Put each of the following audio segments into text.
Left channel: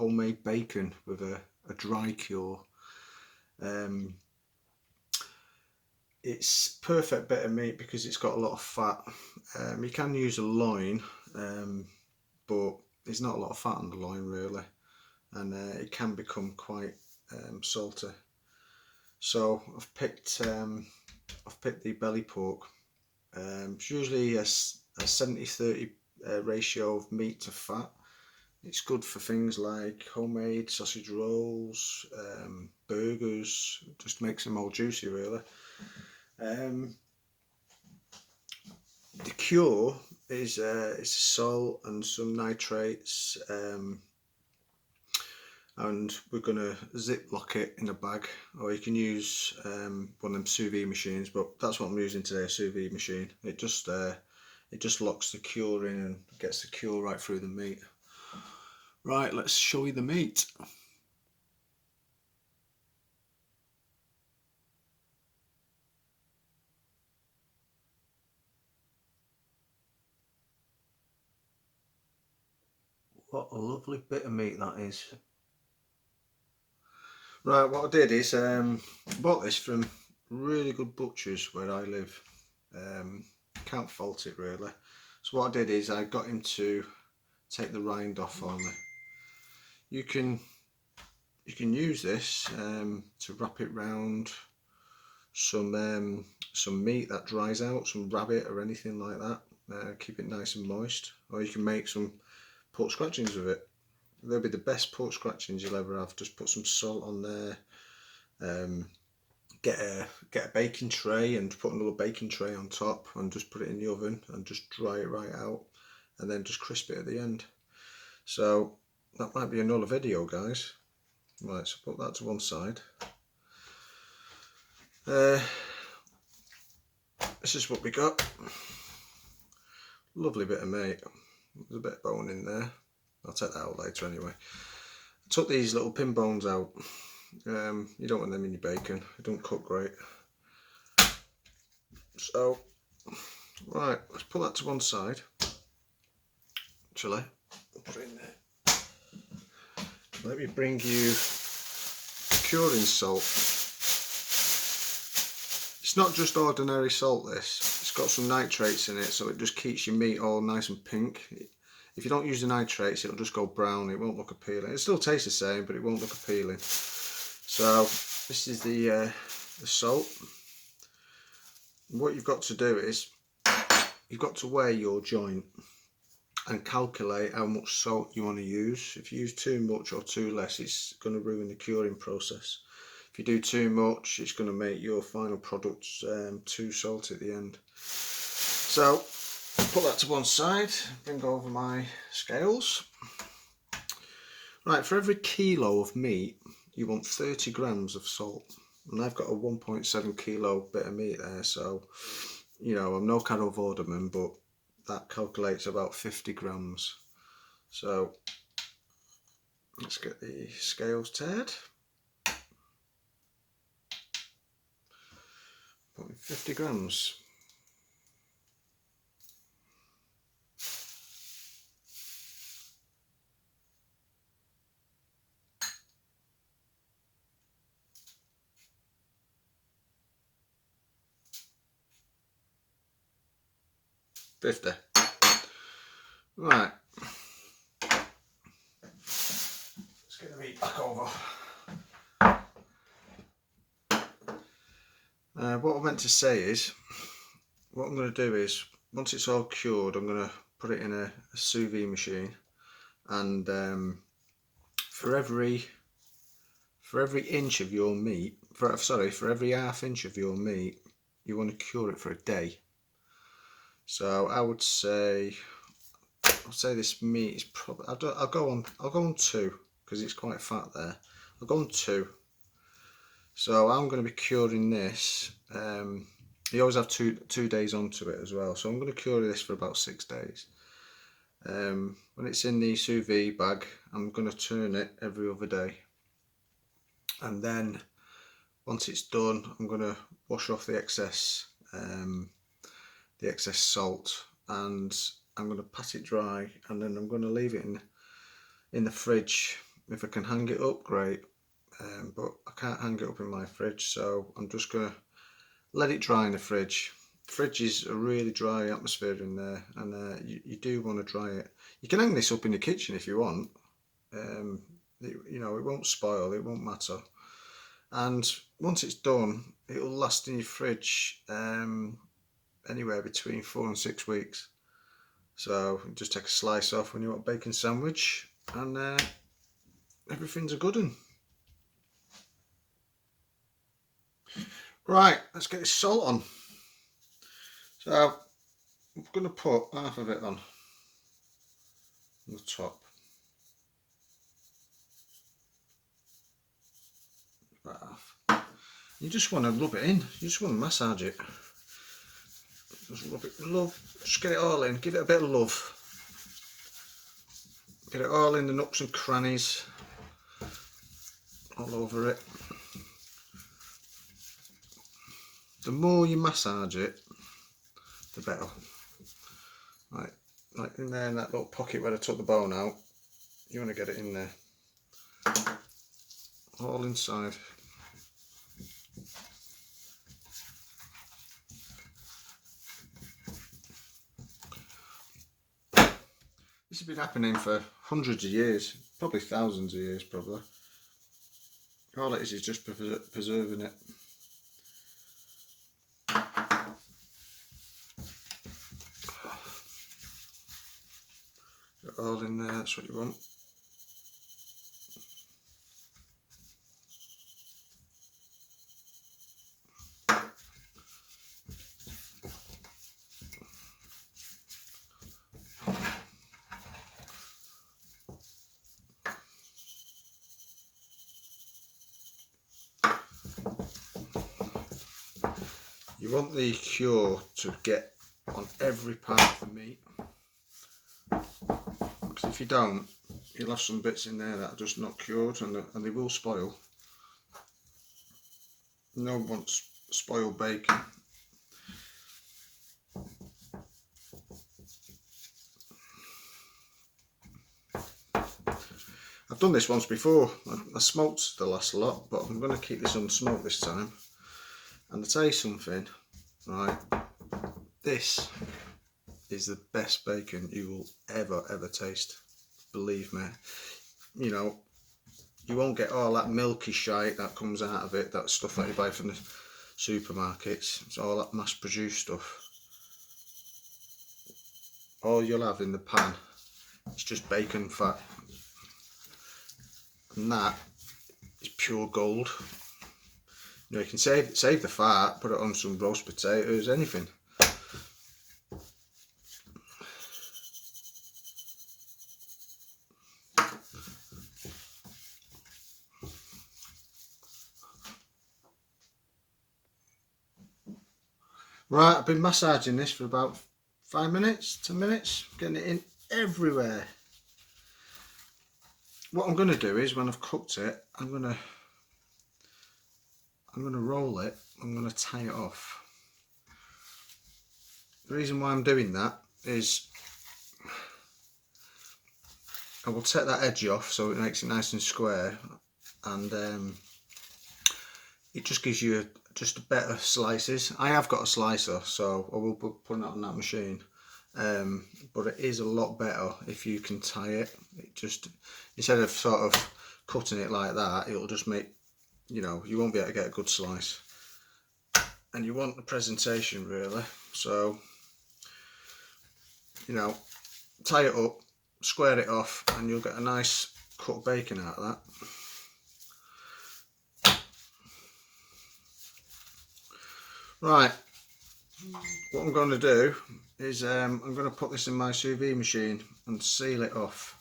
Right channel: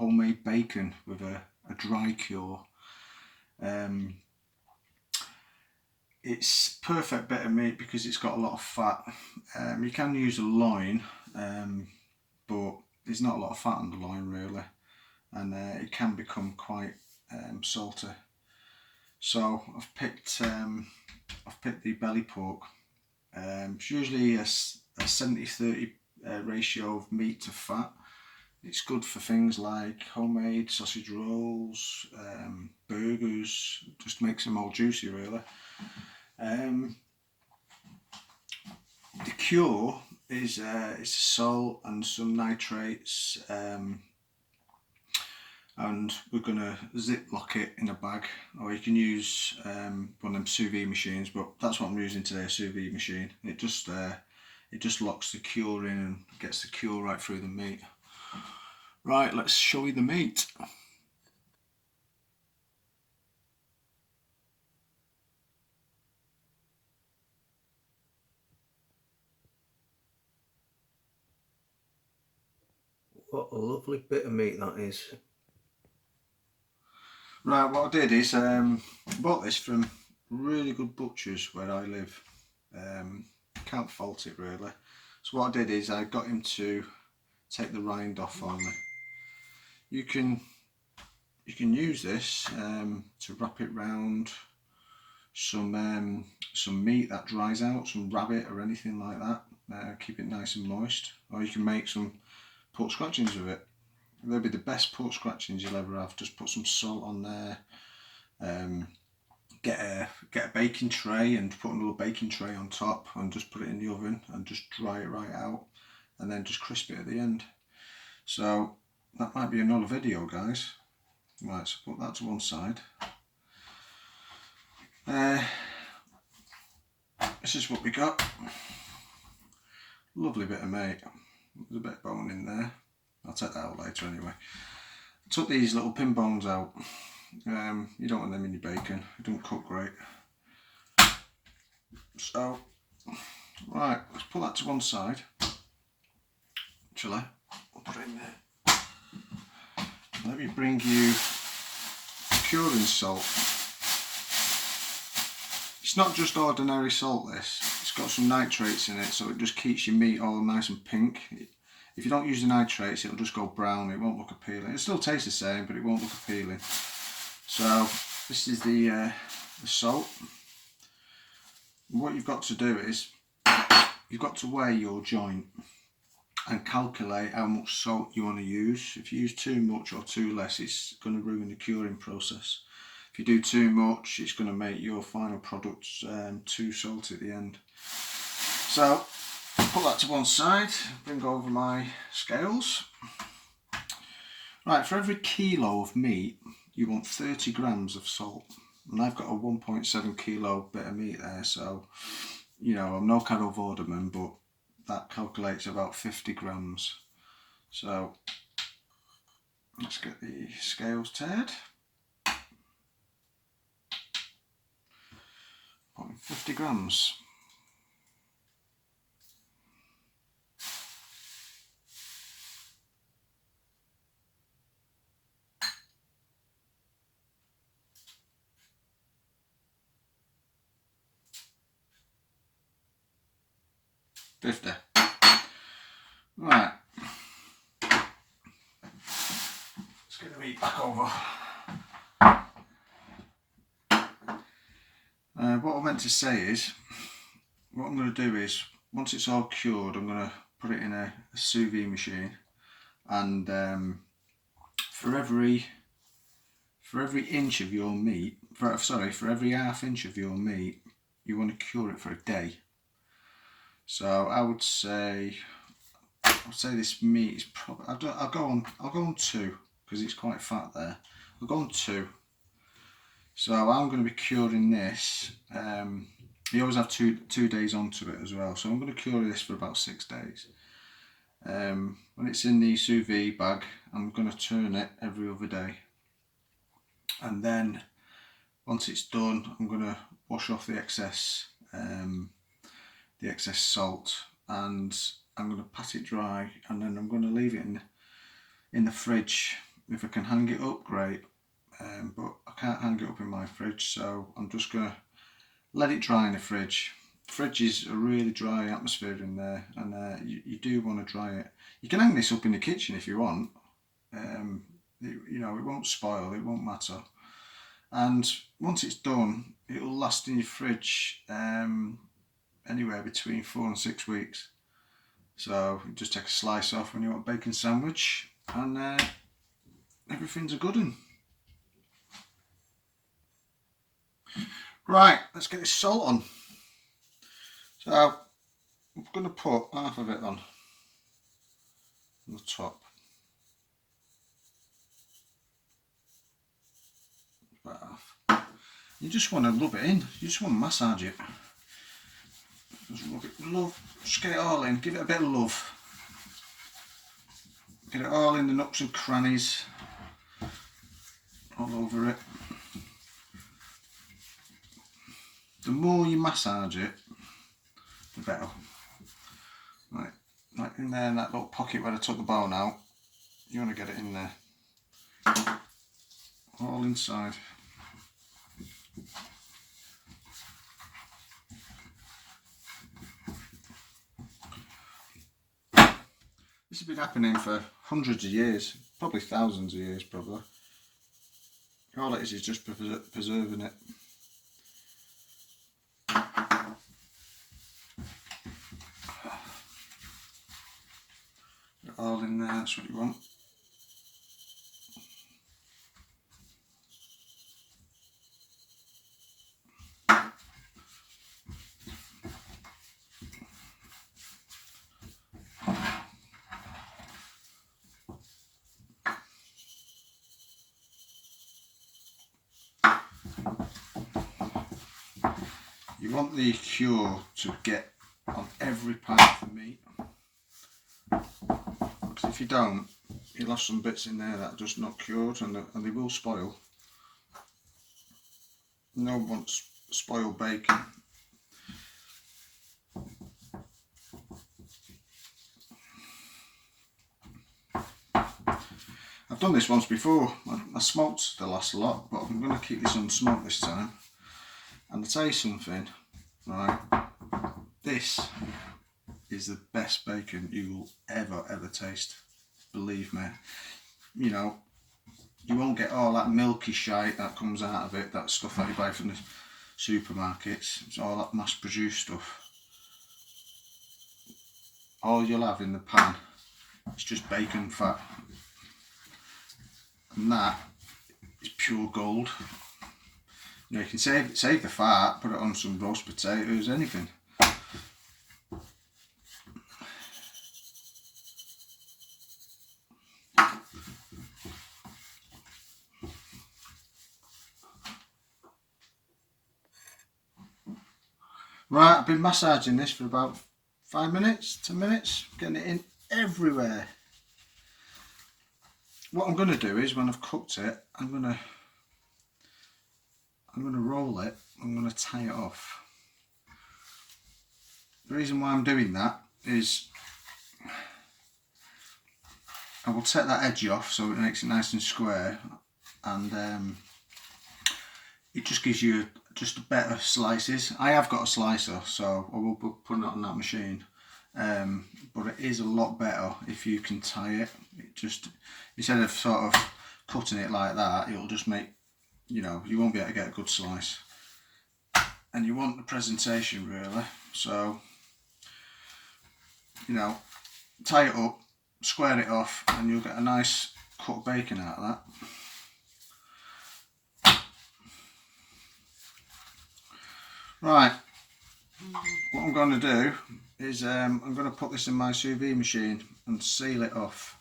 homemade bacon with a dry cure. It's perfect bit of meat because it's got a lot of fat. You can use a loin, but there's not a lot of fat on the loin really, and it can become quite salty. So I've picked the belly pork. It's usually a 70-30 ratio of meat to fat. It's good for things like homemade sausage rolls, burgers. Just makes them more juicy really. The cure is salt and some nitrates, and we're gonna Ziploc it in a bag, or you can use one of them suvee machines, but that's what I'm using today, a suvee machine. It just locks the cure in and gets the cure right through the meat. Right, let's show you the meat. What a lovely bit of meat that is. Right, what I did is bought this from really good butchers where I live. Can't fault it really. So what I did is I got him to take the rind off for me. You can use this to wrap it round some meat that dries out, some rabbit or anything like that. Keep it nice and moist, or you can make some pork scratchings with it. They'll be the best pork scratchings you'll ever have. Just put some salt on there. Get a baking tray and put another baking tray on top, and just put it in the oven and just dry it right out, and then just crisp it at the end. So that might be another video, guys. Right, so put that to one side. This is what we got. Lovely bit of meat. There's a bit of bone in there. I'll take that out later anyway. I took these little pin bones out. You don't want them in your bacon. It don't cook great. So, right, let's put that to one side. Actually, I'll put it in there. Let me bring you curing salt. It's not just ordinary salt, this. It's got some nitrates in it, so it just keeps your meat all nice and pink. If you don't use the nitrates, it'll just go brown. It won't look appealing. It still tastes the same, but it won't look appealing. So this is the salt. What you've got to do is you've got to weigh your joint and calculate how much salt you want to use. If you use too much or too less, it's going to ruin the curing process. If you do too much, it's going to make your final products too salty at the end. So put that to one side, bring over my scales. Right, for every kilo of meat, you want 30 grams of salt. And I've got a 1.7 kilo bit of meat there, so, you know, I'm no Carol Vorderman, but that calculates about 50 grams. So let's get the scales turned. Putting 50 grams. $50. Right. Let's get the meat back over. What I meant to say is, what I'm going to do is, once it's all cured, I'm going to put it in a sous vide machine, and for every inch of your meat, for every half inch of your meat, you want to cure it for a day. So I would say this meat is probably, I'll go on 2 because it's quite fat there. I'll go on 2. So I'm going to be curing this. You always have two days onto it as well. So I'm going to cure this for about 6 days. When it's in the sous vide bag, I'm going to turn it every other day. And then once it's done, I'm going to wash off the excess salt, and I'm going to pat it dry, and then I'm going to leave it in the fridge If I can hang it up, great, but I can't hang it up in my fridge, so I'm just going to let it dry in the fridge. The fridge is a really dry atmosphere in there, and you do want to dry it. You can hang this up in the kitchen if you want. You know, it won't spoil, it won't matter. And once it's done, it'll last in your fridge anywhere between 4 and 6 weeks. So you just take a slice off when you want a bacon sandwich, and everything's a good one. Right, let's get this salt on. So I'm going to put half of it on the top. Half. You just want to rub it in. You just want to massage it. Just rub it, just get it all in. Give it a bit of love. Get it all in the nooks and crannies, all over it. The more you massage it, the better. Right, like in there, in that little pocket where I took the bone out, you want to get it in there, all inside. This has been happening for hundreds of years, probably thousands of years, probably. All it is just preserving it. Get it all in there, that's what you want. You want the cure to get on every part of the meat, because if you don't, you'll have some bits in there that are just not cured, and they will spoil. No one wants spoiled bacon. I've done this once before. I smoked the last lot, but I'm going to keep this unsmoked this time. And to tell you something, right, this is the best bacon you will ever taste. Believe me. You know, you won't get all that milky shite that comes out of it, that stuff that you buy from the supermarkets. It's all that mass produced stuff. All you'll have in the pan is just bacon fat. And that is pure gold. You know, you can save the fat, put it on some roast potatoes, anything. Right, I've been massaging this for about 5 minutes, 10 minutes, getting it in everywhere. What I'm going to do is, when I've cooked it, I'm going to roll it. I'm going to tie it off. The reason why I'm doing that is I will take that edge off so it makes it nice and square, and it just gives you just better slices. I have got a slicer, so I will be putting it on that machine, but it is a lot better if you can tie it. It just, instead of sort of cutting it like that, it'll just make, you know, you won't be able to get a good slice, and you want the presentation really. So, you know, tie it up, square it off, and you'll get a nice cut bacon out of that. Right, what I'm going to do is I'm going to put this in my sous vide machine and seal it off.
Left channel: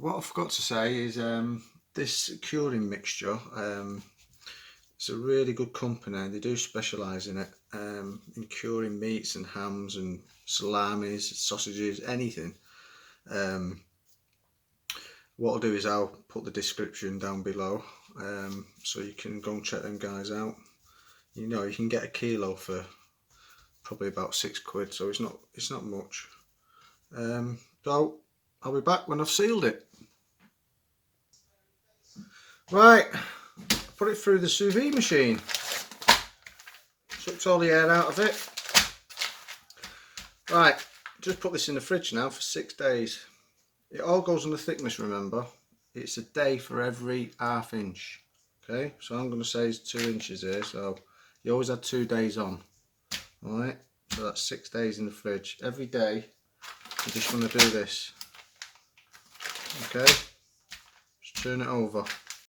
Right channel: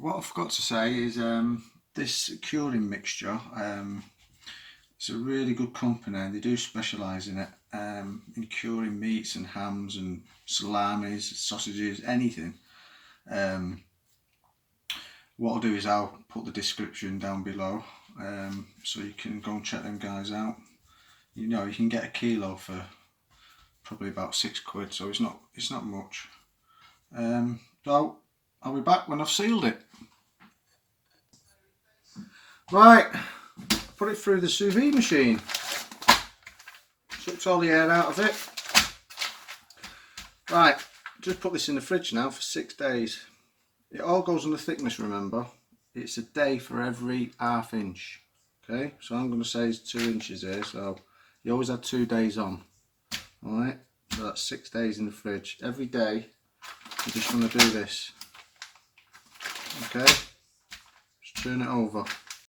What I forgot to say is this curing mixture, it's a really good company. They do specialise in it, in curing meats and hams and salamis, sausages, anything. What I'll do is I'll put the description down below, so you can go and check them guys out. You know, you can get a kilo for probably about £6, so it's not much. So I'll be back when I've sealed it. Right, put it through the sous vide machine. Sucked all the air out of it. Right, just put this in the fridge now for 6 days. It all goes on the thickness, remember. It's a day for every ½ inch. Okay, so I'm going to say it's 2 inches here, so you always have 2 days on. Alright, so that's 6 days in the fridge. Every day, you just want to do this. Okay, just turn it over.